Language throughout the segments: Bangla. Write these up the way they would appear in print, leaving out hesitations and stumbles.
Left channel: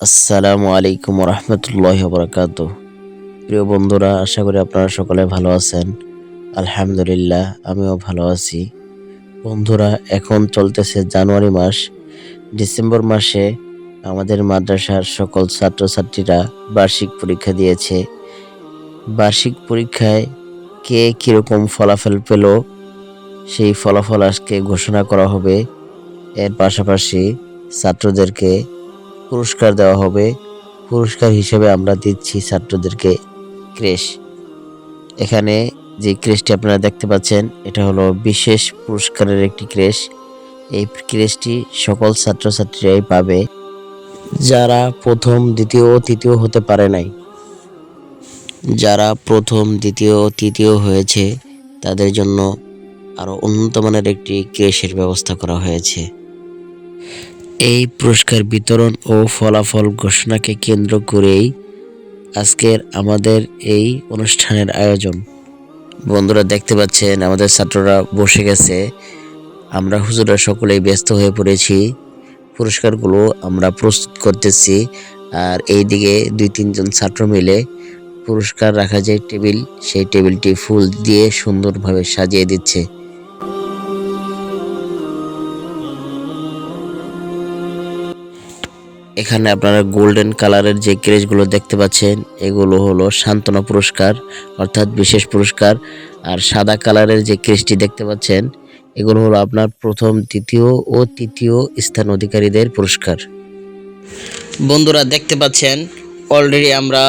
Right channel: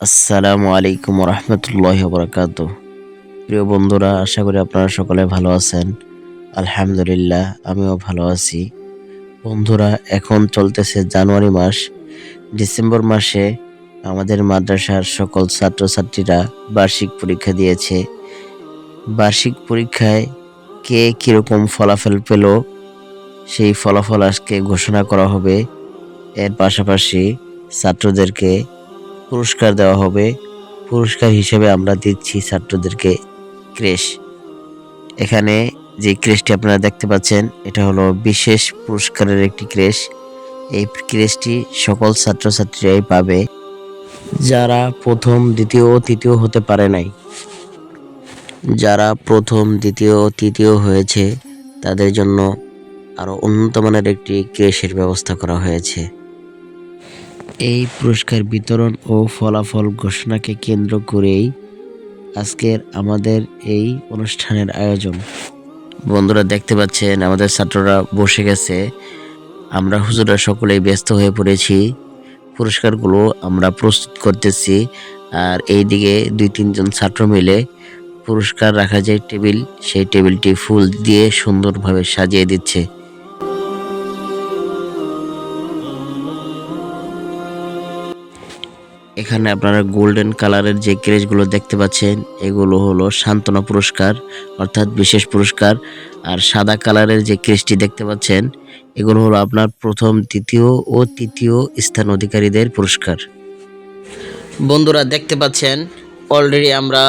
আসসালামু আলাইকুম রহমতুল্লাহ বরকাত। প্রিয় বন্ধুরা, আশা করি আপনারা সকলে ভালো আছেন। আলহামদুলিল্লাহ, আমিও ভালো আছি। বন্ধুরা, এখন চলতেছে জানুয়ারি মাস। ডিসেম্বর মাসে আমাদের মাদ্রাসার সকল ছাত্রছাত্রীরা বার্ষিক পরীক্ষা দিয়েছে। বার্ষিক পরীক্ষায় কে কিরকম ফলাফল পেল সেই ফলাফল আজকে ঘোষণা করা হবে। এর পাশাপাশি ছাত্রদেরকে পুরস্কার দেওয়া হবে। পুরস্কার হিসেবে আমরা দিচ্ছি ছাত্রদেরকে ক্রেশ। এখানে যে ক্রেশটি আপনারা দেখতে পাচ্ছেন, এটা হলো বিশেষ পুরস্কারের একটি ক্রেশ। এই ক্রেশটি সকল ছাত্রছাত্রীরাই পাবে যারা প্রথম, দ্বিতীয় ও তৃতীয় হতে পারে নাই। যারা প্রথম, দ্বিতীয় ও তৃতীয় হয়েছে তাদের জন্য আরো উন্নত মানের একটি ক্রেশের ব্যবস্থা করা হয়েছে। এই পুরস্কার বিতরণ ও ফলাফল ঘোষণাকে কেন্দ্র করেই আজকের আমাদের এই অনুষ্ঠানের আয়োজন। বন্ধুরা, দেখতে পাচ্ছেন আমাদের ছাত্ররা বসে গেছে। আমরা হুজুররা সকলেই ব্যস্ত হয়ে পড়েছি। পুরস্কারগুলো আমরা প্রস্তুত করতেছি। আর এইদিকে 2-3 জন ছাত্র মিলে পুরস্কার রাখা যে টেবিল, সেই টেবিলটি ফুল দিয়ে সুন্দরভাবে সাজিয়ে দিচ্ছে। এখানে আপনারা গোল্ডেন কালারের যে ক্রেশগুলো দেখতে পাচ্ছেন, এগুলো হলো সান্ত্বনা পুরস্কার, অর্থাৎ বিশেষ পুরস্কার। আর সাদা কালারের যে ক্রেশটি দেখতে পাচ্ছেন, এগুলো হলো আপনার প্রথম, দ্বিতীয় ও তৃতীয় স্থান অধিকারীদের পুরস্কার। বন্ধুরা, দেখতে পাচ্ছেন অলরেডি আমরা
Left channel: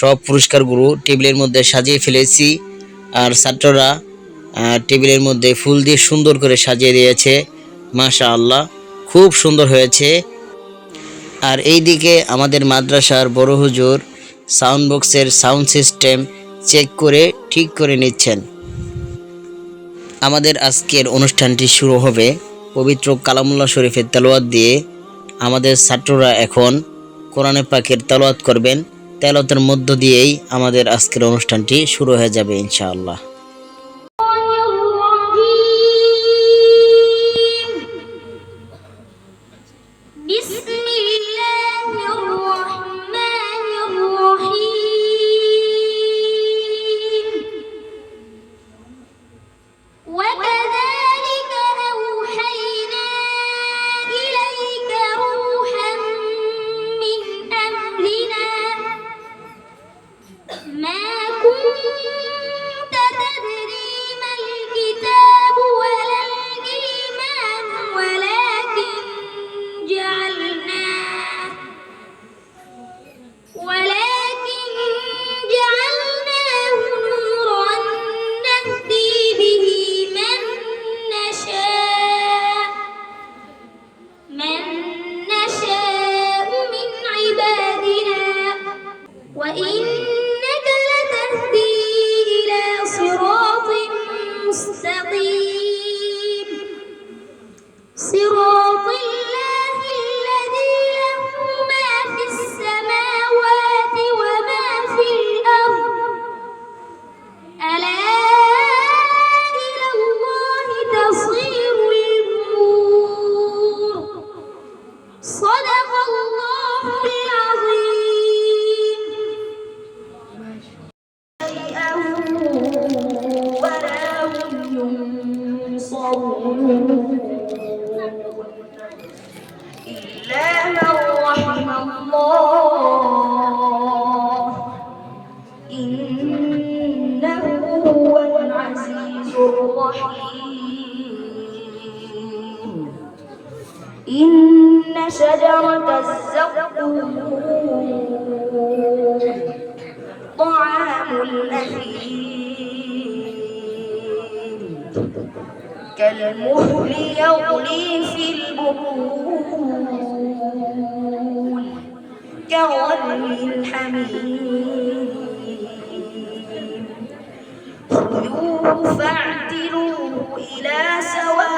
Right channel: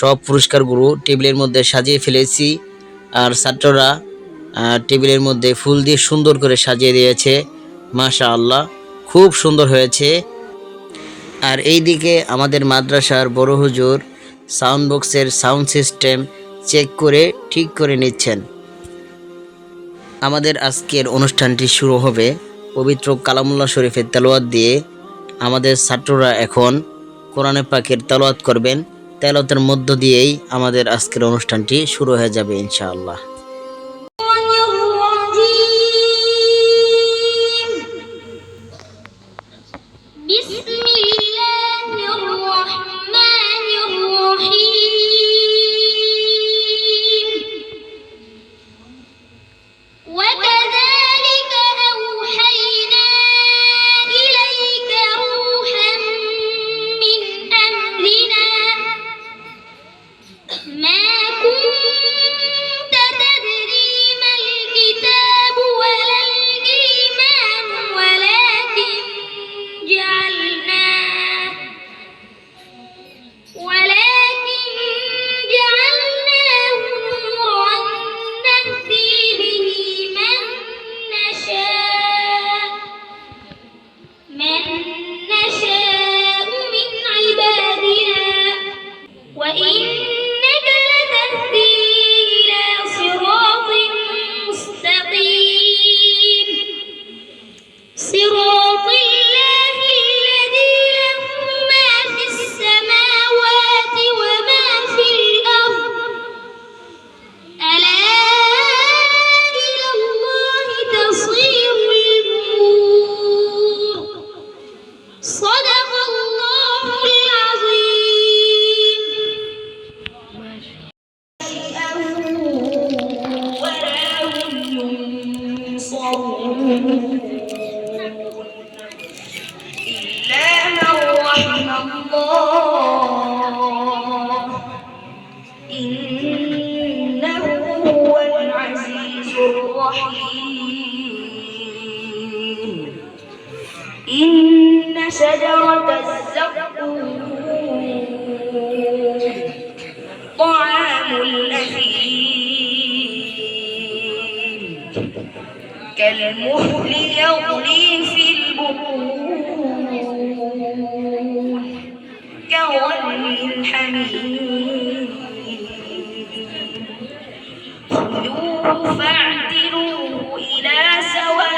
সব পুরস্কারগুলো টেবিলের মধ্যে সাজিয়ে ফেলেছি। আর ছাত্ররা টেবিলের মধ্যে ফুল দিয়ে সুন্দর করে সাজিয়ে দিয়েছে। মাশাআল্লাহ, খুব সুন্দর হয়েছে। আর এইদিকে আমাদের মাদ্রাসার বড় হুজুর সাউন্ড বক্সের সাউন্ড সিস্টেম চেক করে ঠিক করে নিচ্ছেন। আমাদের আজকের অনুষ্ঠানটি শুরু হবে পবিত্র কালামুল্লাহ শরীফের তেলাওয়াত দিয়ে। আমাদের ছাত্ররা এখন কোরআনে পাকের তেলাওয়াত করবেন। তেলাওয়াতের মধ্য দিয়েই আমাদের আজকের অনুষ্ঠানটি শুরু হয়ে যাবে ইনশাআল্লাহ। إن شجرة الزقوم طعام الأثيم كالمهل يغلي في البطون كغلي الحميم خذوه فاعتلوه إلى سواء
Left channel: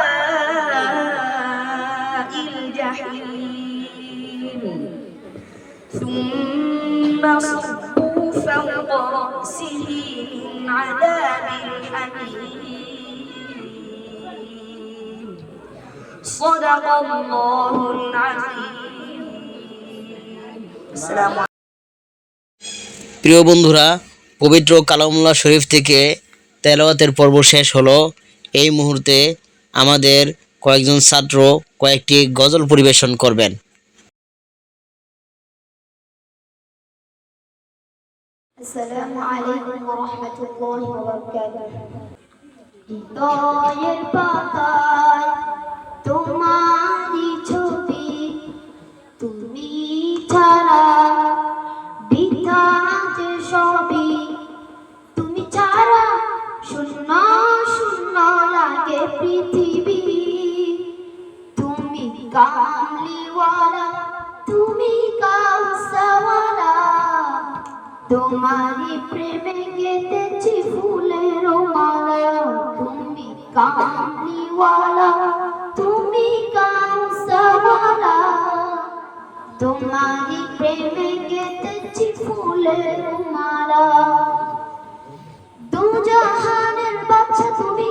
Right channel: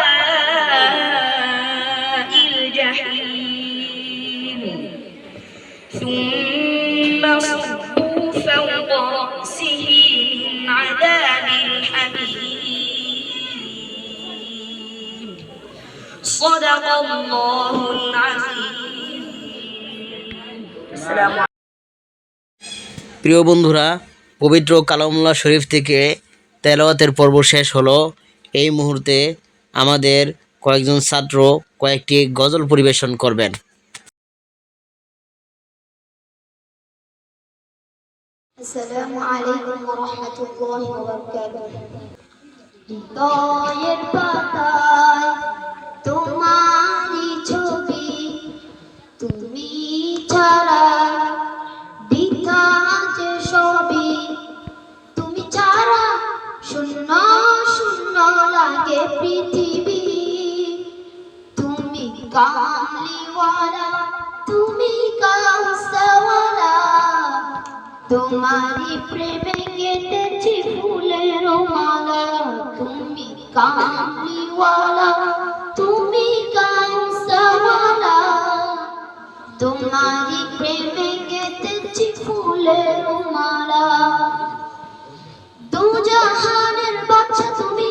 الجحيم ثم صبوا فوق رأسه من عذاب الحميم صدق الله العظيم. আসসালামু প্রিয় বন্ধুরা, পবিত্র কালামুল্লাহ শরীফ থেকে তেলাওয়াতের পর্ব শেষ হলো। এই মুহূর্তে আমাদের কয়েকজন ছাত্র কয়েকটি গজল পরিবেশন করবেন। আসসালামু আলাইকুম ওয়া রাহমাতুল্লাহি ওয়া বারাকাতুহু। হৃদয়ের পাতায় তোমারই ছবি, তুমি ছাড়া বৃথা যে সবই, তুমি ছাড়া শূন্য শূন্য লাগে পৃথিবী। তুমি কামলিওয়ালা, তুমি কাউসাওয়ালা, তোমারি প্রেমে গেঁথেছি ফুলের মালা। তুমি কামলিওয়ালা, তুমি কাউসাওয়ালা, তোমারি প্রেমে গেঁথেছি ফুলের মালা। দু জাহানের বাদশা তুমি,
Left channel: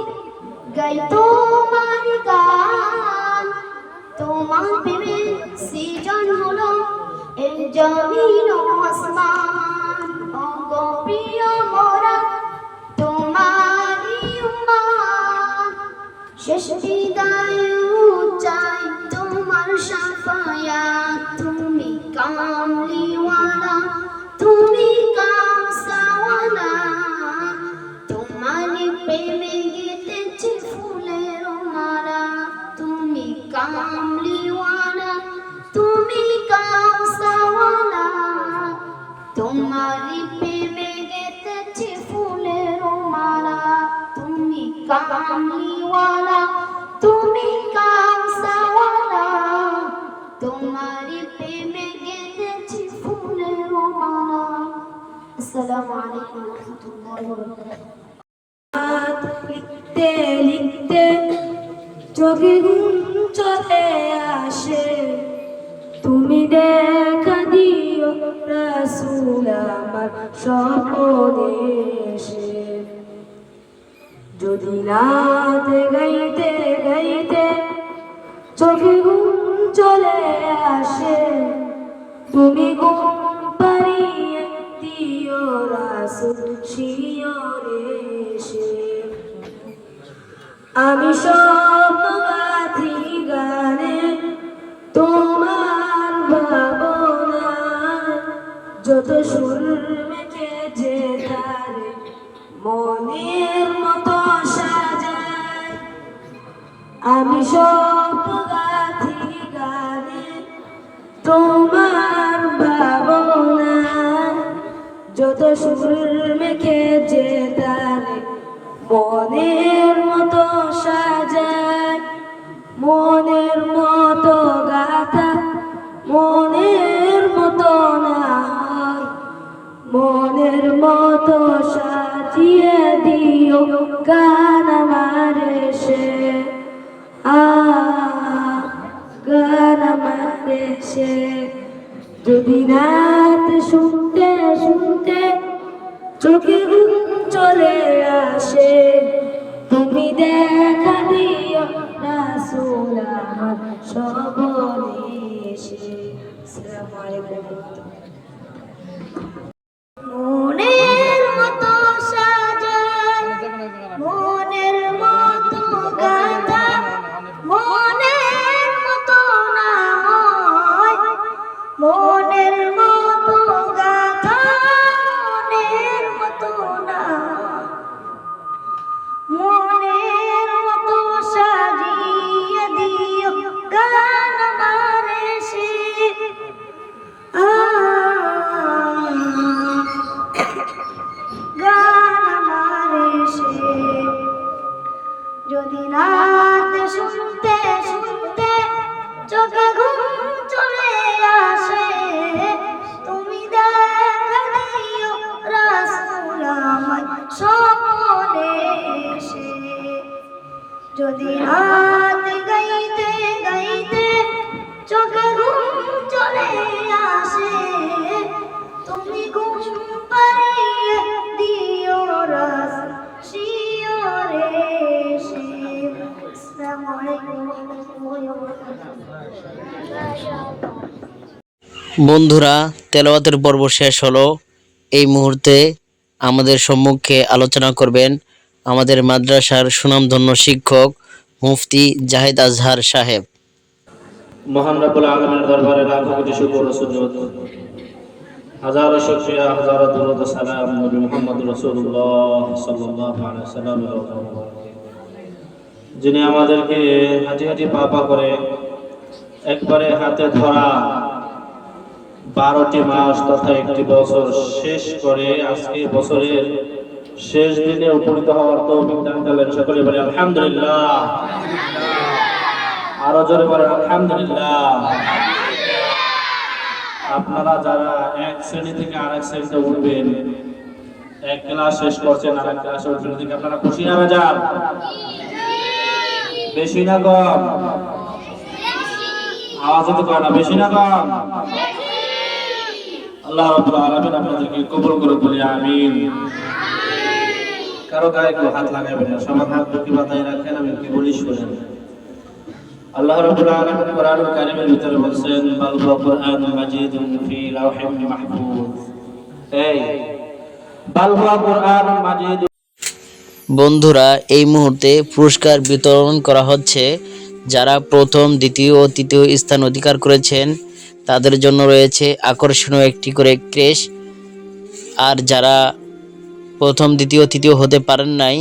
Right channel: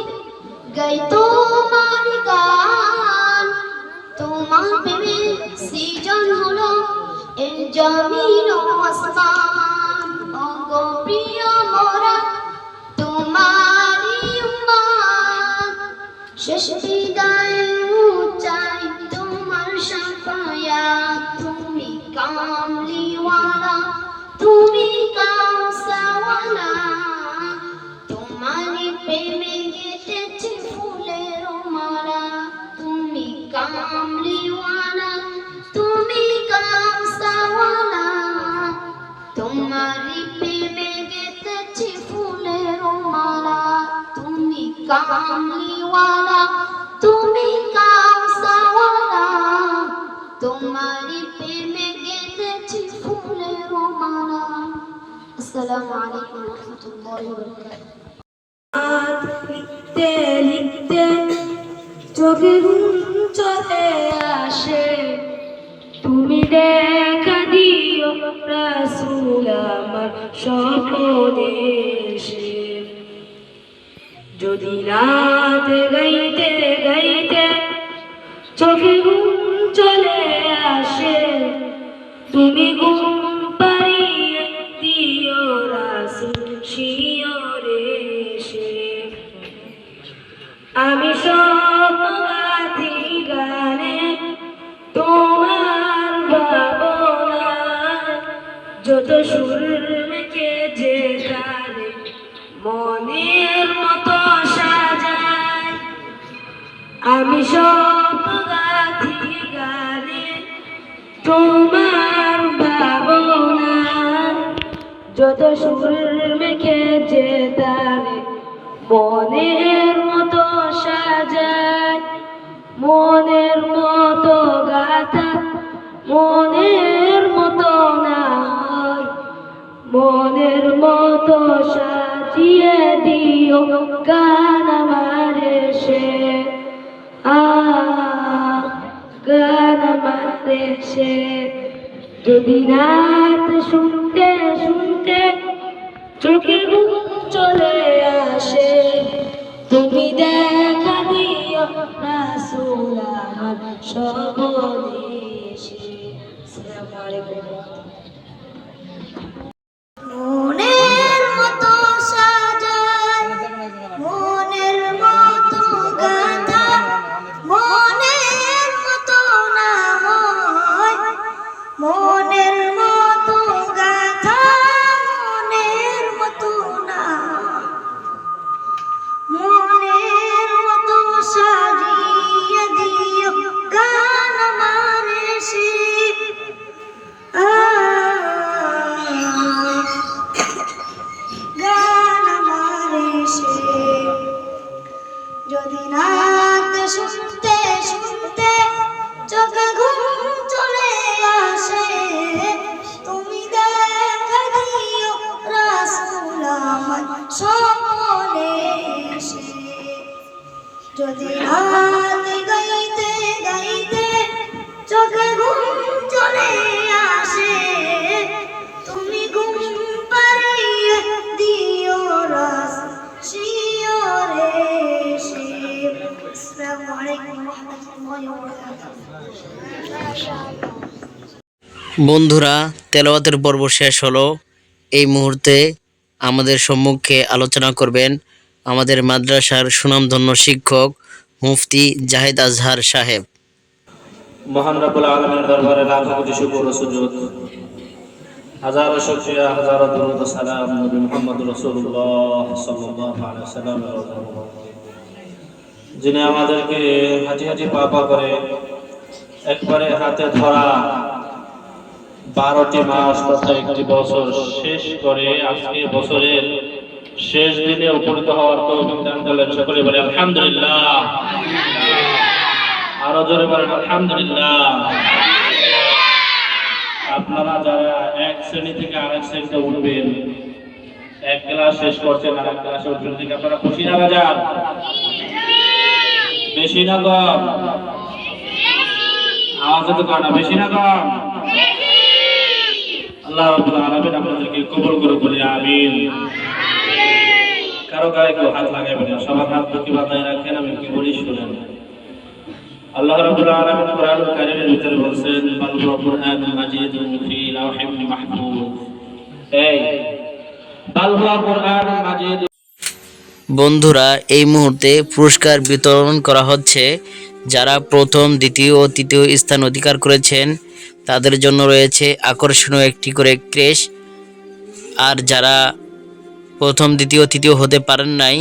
গাই তোমারি গান। তোমার প্রেমে সৃজন হলো এই জমিন ও আসমান। ওগো প্রিয় মোরা তোমারি উম্মত, শেষ বিদায় চাই তোমার শাফায়াত। তুমি কামলিওয়ালা, তুমি কাউসাওয়ালা, তোমারি প্রেমে গেঁথেছি ফুলের মালা। তুমি কামলিওয়ালা, তুমি কাউসাওয়ালা, তোমারি প্রেমে গেঁথেছি ফুলের মালা। তুমি কামলিওয়ালা, তুমি কাউসাওয়ালা, তোমারি প্রেমে গেঁথেছি ফুলের মালা। আসসালামু আলাইকুম ওয়া রাহমাতুল্লাহি ওয়া বারাকাতুহু। লিখতে লিখতে চোখে ঘুম চলে আসে, তুমি দেখা দিও রাসূল আমার স্বপনে এসে। যদি রাত গাইতে গাইতে চোখে ঘুম চলে আসে, তুমি ঘুম পাড়িয়ে দিও রাসূল শিয়রে এসে। আমি স্বপ্নগাথি গানে তোমার ভাবনায়, যত সুর মেখে যে গানে মনের মতো সাজায়। আমি স্বপ্নগাথি গানে তোমার ভাবনায়, যত সুর মেখে যে গানে মনের মতো সাজায়। মনের মতো গাথা মনের মতো না হয়, মনের মতো সাজিয়ে দিও গান আমার এসে। গান আমার এসে। যদি রাত শুনতে শুনতে চোখে ঘুম চলে আসে, তুমি দেখা দিও রাসূল আমার স্বপনে এসে। আসসালামু আলাইকুম। মনের মতো সাজায়, মনের মতো গাথা মনের মতো না হয়, মনের মতো গাথা মনের মতো না হয়, মনের মতো সাজিয়ে দিও গান আমার এসে। গান আমার এসে। যদি রাত শুনতে শুনতে চোখে ঘুম চলে আসে, তুমি দেখা দিও রাসূল বন্ধুরা, তেলাওয়াতের পর্ব শেষ হলো। এই মুহূর্তে আমাদের সম্মুখে আলোচনা করবেন আমাদের মাদ্রাসার সুনামধন্য শিক্ষক মুফতি জাহিদ আজহার সাহেব। মহান রব্বুল আলামিনের দরবারে লাখো কোটি শুকর ও সুজুদ, হাজারো শুকরিয়া, হাজারো দরুদ ও সালাম নবী মুহাম্মদ রাসূলুল্লাহ সাল্লাল্লাহু আলাইহি ওয়াসাল্লামের উপর, যিনি আমাদেরকে হাঁটি হাঁটি পা পা করে একবারে হাতে ধরা 12টি মাস তথা একটি বছর শেষ করে আজকে বছরের শেষ দিনে উপনীত হওয়ার তৌফিক দান করলেন। সকলে বলে আলহামদুলিল্লাহ। আরো জোরে বলেন আলহামদুলিল্লাহ। আপনারা যারা এক শ্রেণী থেকে আরেক শ্রেণীতে উঠবেন, এক ক্লাস শেষ করছেন আর এক ক্লাসে উঠবেন, ঠিক আপনারা খুশি না বেজার? বেশি না কম? আওয়াজ তো কম না, বেশি না কম? আল্লাহ রাব্বুল আলামিন আপনাদেরকে কবুল করে বলি আমিন। কারো গায়ে কেউ হাত লাগাবেন না, সবার হাত বুকে বাঁধায় রাখেন। আমি কি বলি শুনেন। আল্লাহ রাব্বুল আলামিন কোরআনুল কারীমের ভিতরে বলেন, বাল হুয়া কুরআনুন মাজিদুন ফি লাওহিন মাহফুজ। এই বাল হুয়া কুরআনুন মাজিদ। বন্ধুরা, এই মুহূর্তে পুরস্কার বিতরণ করা হচ্ছে। যারা প্রথম, দ্বিতীয় ও তৃতীয় স্থান অধিকার করেছেন তাদের জন্য রয়েছে আকর্ষণীয় একটি করে ক্রেশ। আর যারা প্রথম, দ্বিতীয়, তৃতীয় হতে পারেন নাই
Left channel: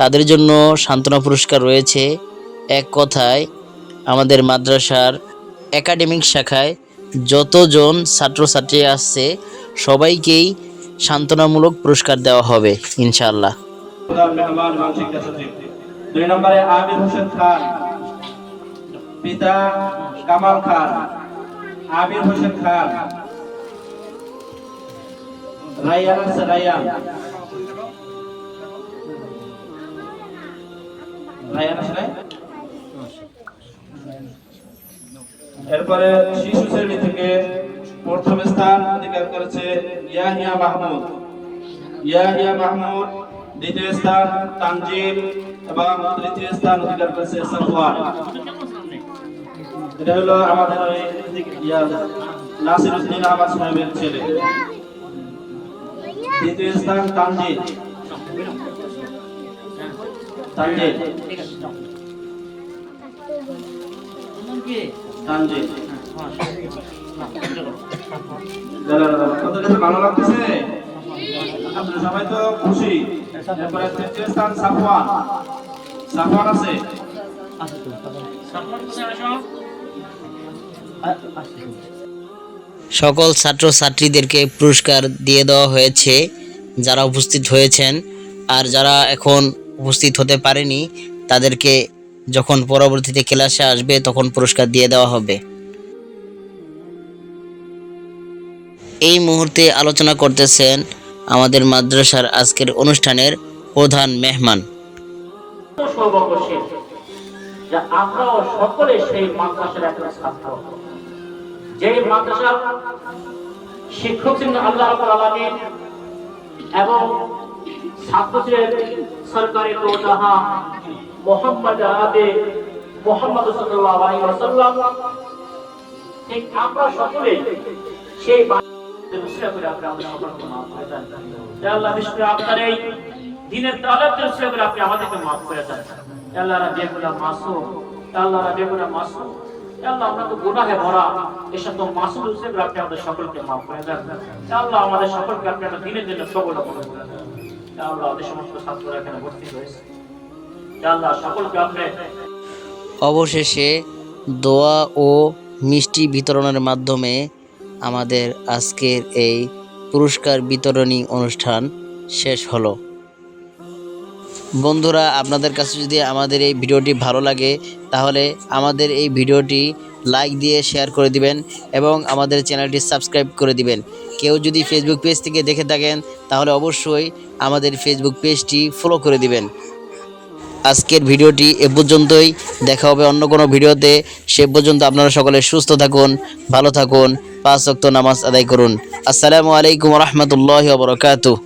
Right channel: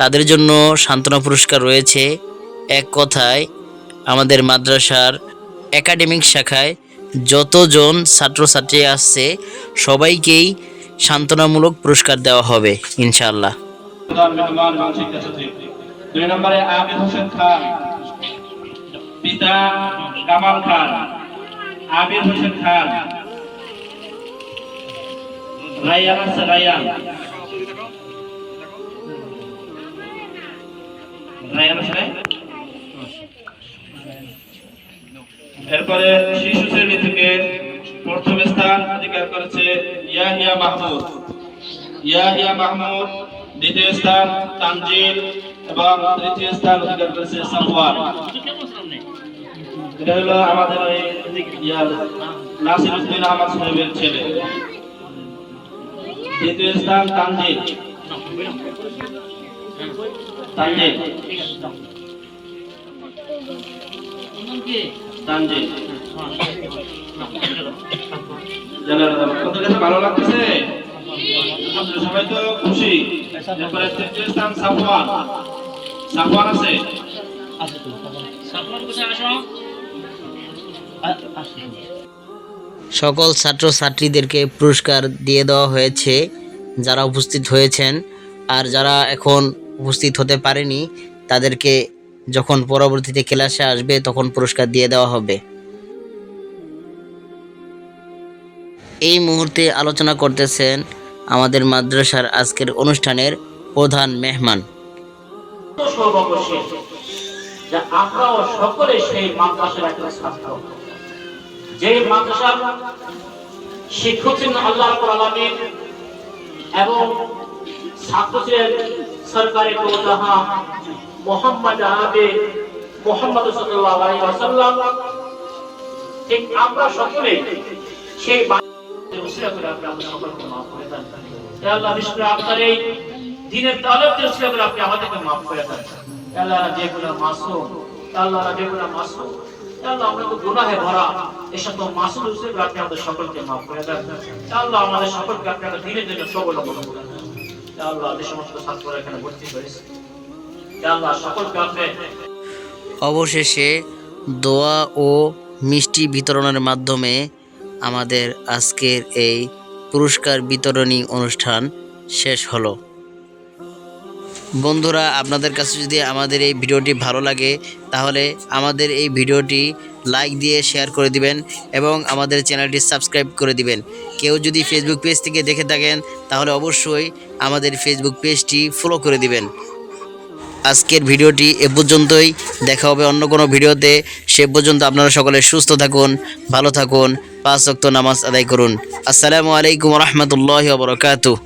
তাদের জন্য সান্ত্বনা পুরস্কার রয়েছে। এক কথায় আমাদের মাদ্রাসার একাডেমিক শাখায় যতজন ছাত্রছাত্রী আসছে সবাইকেই সান্ত্বনামূলক পুরস্কার দেওয়া হবে ইনশাআল্লাহ। প্রধান মেহমান মানসিক সচিব 2 নম্বরে আবিদ হোসেন খান, পিতা কামাল খান। আবিদ হোসেন খান, রায়ান আছে, রায়ান আছে। এরপরে শিশু শ্রেণী থেকে প্রথম স্থান অধিকার করেছে ইয়াহিয়া মাহমুদ। ইয়াহিয়া মাহমুদ, দ্বিতীয় স্থান তানজিল এবং তৃতীয় স্থান অধিকার করেছে সাফওয়ান। এটা হলো আমাদের নাসিরউদ্দিন আহমদ সাহেবের ছেলে। দ্বিতীয় স্থান তানজিল। তানজিল তানজিল জানেন ভালো লাগতেছে? আপনারা সবাই তো খুশি। এরপরে তৃতীয় স্থান সাফওয়ান। সাফওয়ান আছে? সকল ছাত্রছাত্রীদেরকে পুরস্কার দিয়ে দেওয়া হয়েছে যারা উপস্থিত হয়েছেন। আর যারা এখন উপস্থিত হতে পারেনি তাদেরকে যখন পরবর্তীতে ক্লাসে আসবে তখন পুরস্কার দিয়ে দেওয়া হবে। এই মুহূর্তে আলোচনা করতেছেন আমাদের মাদ্রাসার আজকের অনুষ্ঠানের প্রধান মেহমান। সর্বশেষ যে আমরাও সকলে সেই মাদ্রাসার একজন ছাত্র, যেই মাদ্রাসার শিক্ষক ছিলেন আল্লাহ রাব্বুল আলামিন এবং ছাত্র ছিলেন সরকারি দৌলতহা মুহাম্মদ আরবি মুহাম্মদ সাল্লাল্লাহু আলাইহি ওয়াসাল্লাম। ঠিক আমরা সকলে সেই উসিলা করে আপনি সকলকে মাফ করে দেন। হে আল্লাহ, বিশেষ করে আপনার এই দ্বীনের তালেবদের উসিলা করে আপনি আমাদেরকে মাফ করে দেন। হে আল্লাহ, যেগুলো মাসুম, হে আল্লাহ যেগুলো মাসুম, হে আল্লাহ আমরা তো গুনাহে ভরা, এই সকল মাসুম উসিলা করে আপনি আমাদের সকলকে মাফ করে দেন। হে আল্লাহ, আমাদের সকলকে আপনি আপনার দ্বীনের জন্য সবল করে দেন। হে আল্লাহ, যে সমস্ত ছাত্ররা এখানে ভর্তি হয়েছে, হে আল্লাহ সকলকে আপনি। অবশেষে দোয়া ও মিষ্টি বিতরণের মাধ্যমে আমাদের আজকের এই পুরস্কার বিতরণী অনুষ্ঠান শেষ হলো। বন্ধুরা, আপনাদের কাছে যদি আমাদের এই ভিডিওটি ভালো লাগে তাহলে আমাদের এই ভিডিওটি লাইক দিয়ে শেয়ার করে দিবেন এবং আমাদের চ্যানেলটি সাবস্ক্রাইব করে দিবেন। কেউ যদি ফেসবুক পেজ থেকে দেখে থাকেন তাহলে অবশ্যই আমাদের ফেসবুক পেজটি ফলো করে দিবেন। আজকের ভিডিওটি এ পর্যন্তই, দেখা হবে অন্য কোনো ভিডিওতে। সে পর্যন্ত আপনারা সকলে সুস্থ থাকুন, ভালো থাকুন, 5 ওয়াক্ত নামাজ আদায় করুন। আসসালামু আলাইকুম ওয়া রাহমাতুল্লাহি ওয়া বারাকাতুহু।